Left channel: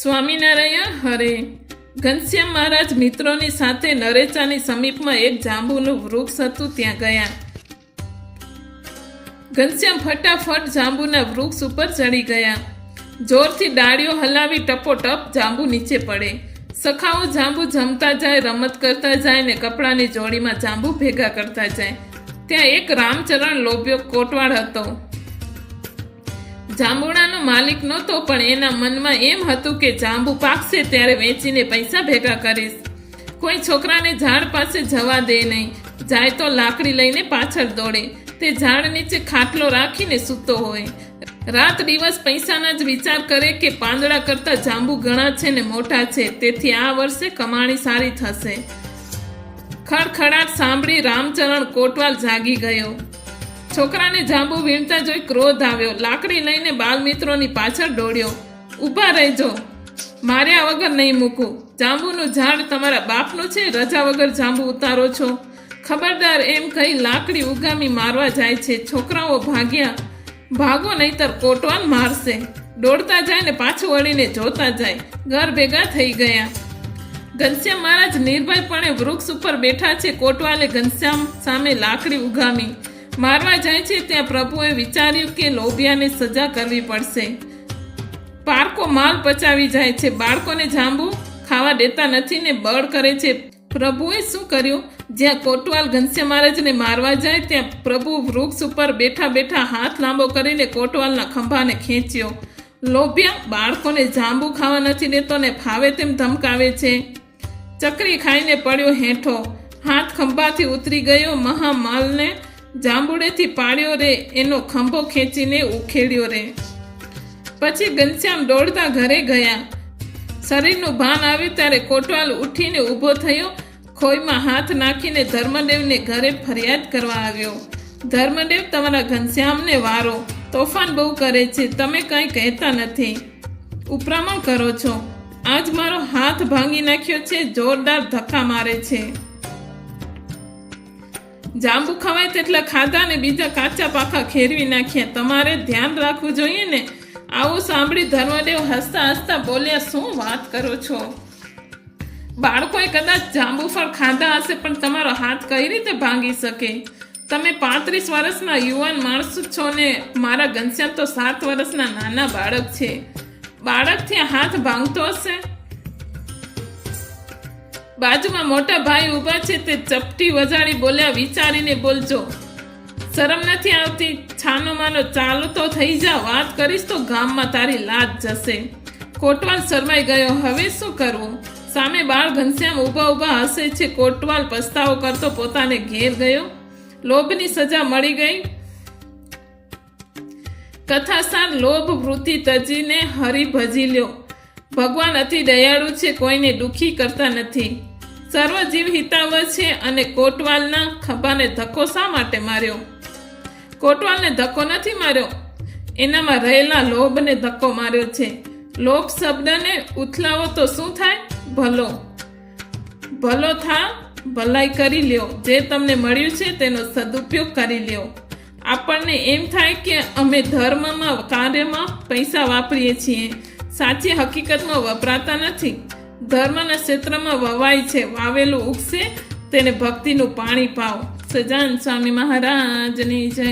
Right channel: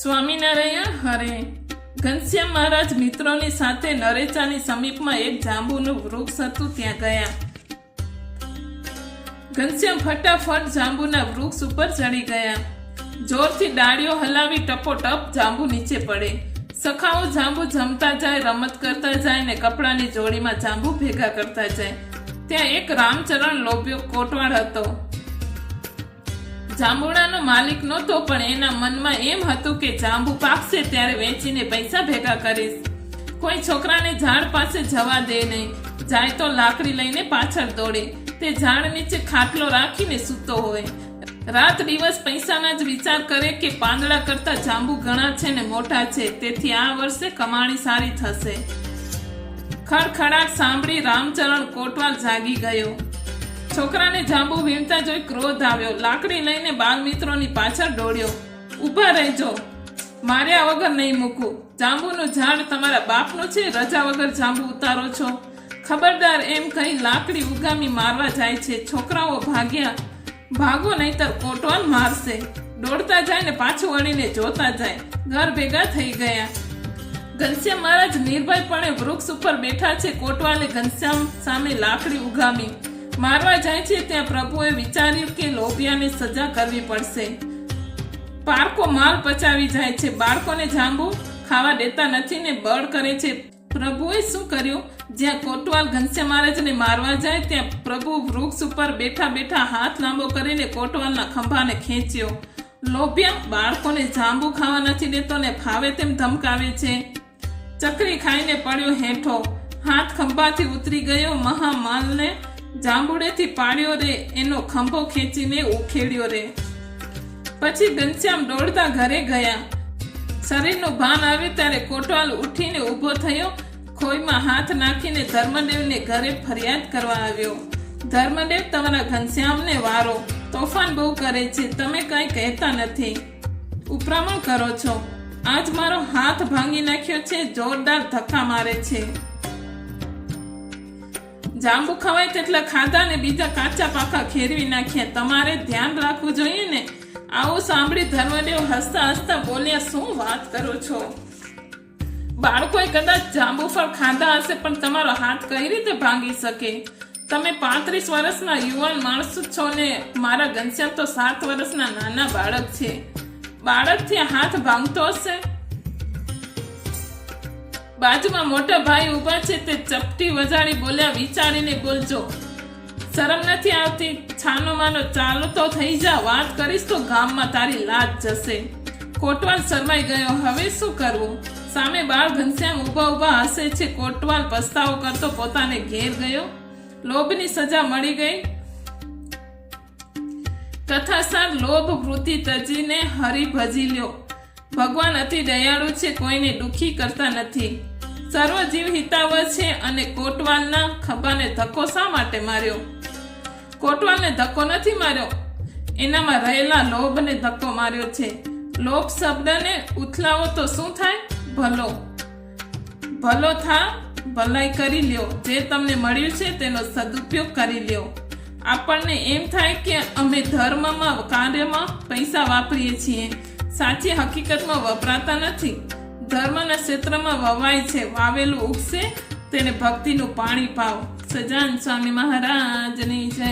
સ્વામિનારાયણ, હરે. ઘનશ્યામ મહારાજ મિત્રોની સાથે નરેચાની સમીપમાં એક જાંબુનું વૃક્ષ હતું, ત્યાં ગયા. ઘનશ્યામ ફટાફટ જાંબુના વૃક્ષ ઉપર ચડી ગયા. જોરથી ડાળીઓ હલાવી ટપોટપ જાંબુ નીચે પડે. સખાઓ જાંબુ જમતા જાય, રમત કરતા જાય ને કપડાની જોડીમાં જાંબુ ભેગા કરતા જાય. ત્યાં એક રામચરણ લોભ્યો કોટવાળ હતો. જાંબુડાનો માલિક નહોતો, પણ એના મનમાં એમ હતું કે જાંબુ પાકશે ત્યારે વેચીને પૈસા ભેગા કરીશ. કોઈ છોકરાને ઝાડ પાસે જવા દે નહીં. જાય તો લાકડી લઈને પાછળ દોડે. તે ઝાડ નીચે ખાટલો રાખીને સૂતો હોય. રાત દિવસ પૈસાના જ વિચાર કરે કે પાંદડા કરતા જાંબુ ઘણા છે ને મોટા છે. તેથી આ વર્ષે કમાણી સારી થશે. ખડખડાટ સાંભળી રામચરણ કોટવાલ જાગી ગયો. છોકરાને જાંબુ વીણતા જોઈ ક્રોધ આવ્યો. લાકડી લઈને બાલમિત્રોની પાછળ દોડ્યો. ઊભા રહેજો. માર્યા વગર નહીં મૂકું. જાંબુનું ઝાડ તમારા બાપનું છે, રજા વગર જાંબુ ઉતારો છો. ખબરદાર એમ કહી લાકડી ઉગામી મારવા જાય છે. છોકરાઓ ભાગ્યા. ભાગો નહીતર કોટવાન મારશે. દોડતા જાય ને પાછું વળીને જોતા જાય. ઘર ભેગા થઈ ગયા. ઘનશ્યામ મહારાજ નિર્ભયપણે વૃક્ષ ઉપર બેઠા છે. કોટવાલે ઘનશ્યામ સામે લાકડી ઉગામી. મારવા જાય છે ત્યાં પ્રભુએ વિચાર્યું કે લોભિયાને સજા કરવી પડશે. પારકો માલ પચાવી જાય છે. બાળકોને જાંબુ ખાવા દેતા નથી ને બળ કરે છે. પ્રભુએ શું કર્યું? જ્યાં કોટવાલ ઘનશ્યામ મહારાજને મારવા જાય, ત્યાં પ્રભુ વૃક્ષ ઉપર બેઠા બેઠા હાથ લાંબો કરીને કોટવાલના ખંભાને ખેંચ્યો. લોભિયા બાળકોને જાંબુ ખાવા નથી દેતો ને ફાવે તેમ ધમકાવે છે. ચકરી ખાઈને પડ્યો હેઠો. હાથ ખંભાથી ઉતરી ગયો મહામાલને જાંબુડેથી પાડ્યો રે એનો ખંભો ખેંચીને ઉખેડ્યો રે. પછી ઘનશ્યામ દોડતા ઘરે ગયા. શરીરનું ભાન આવ્યું ત્યારે કોટવાલ ઉઠીને ઊભો થયો. ખોઈમાં હાથ નાખીને ધર્મદેવને ઘરે ફરિયાદ કરવા આવ્યો. ધર્મદેવ, તમારા ઘનશ્યામને વારો. તોફાન બહુ કરે છે. તમે કંઈ કહેતા નથી. ઉપરામણ કરો છો. આજ મારો હાથ ભાંગી નાખ્યો છે. જોરદાર ધક્કા મારે છે. જાંબુ ખવાય તેટલા ખાધા ને બીજા કાચા પાકા ખેરવી નાખ્યા. તમારે ધ્યાન રાખવું જોઈએ ને. આવું સાંભળી ધર્મદેવ હસતા હસતા બોલ્યા, શું વાત કરો છો? બાળકોએ કદાચ જાંબુ ફળ ખાધા હશે, પણ તમારો હાથ કઈ રીતે ભાંગી શકે? તમે પાંત્રીસ વર્ષના યુવાન માણસ છો ને, મારા ઘનશ્યામ તો સાત વર્ષના નાના બાળક છે. બાળકથી હાથ ભાંગતો હશે? બાજુમાં મોટા ભાઈ ઊભા છે તે ચપટી વજાડી બોલ્યા, વિચારીને બોલજો. શરમ નથી આવતી? છાનો માનો, ચાલુ તો થઈ જા. વાત કરીશ તો ગામમાં તારી લાજ જશે. કોટવાલ શરમાઈ ગયો. હવે શું કરવું? સામે બાળ ઘનશ્યામ ઊભા ઊભા હસે છે. કોટવાલ પસ્તાવો કરતો પોતાને ઘેર ગયો. લોભની સજા મળી ગઈ. કથાસાર લોભ વૃત્તિ તજીને હરી ભજી લ્યો. ભગવાન અતિ દયાળુ છે. કોઈને દુખી કરતા નથી. સર્વ જીવ હિતાવ છે અને કોટવાલના ખભાને ધક્કો શા માટે માર્યો? કોટવાલને ધક્કો નથી માર્યો? એનામાં રહેલા લોભને ધક્કો માર્યો છે. લોભ શબ્દને ઉથલાવો તો શું થાય? ભલો. ભલો થા, ભલાઈ કરી લ્યો. જે તમને મળ્યું છે તેનો સદુપયોગ કરી લ્યો. આપણને એમ થાય કે અમે ધર્મમાં, કાર્યમાં પૈસા વાપરીએ છીએ. સાચી હકીકતમાં વપરાતા નથી. ધર્મના ક્ષેત્રમાં વવાય છે વાવેલું ઉગશે તેને ભક્તિનું પાણી પાવ સજાન સ્વામી મહારાજની જય.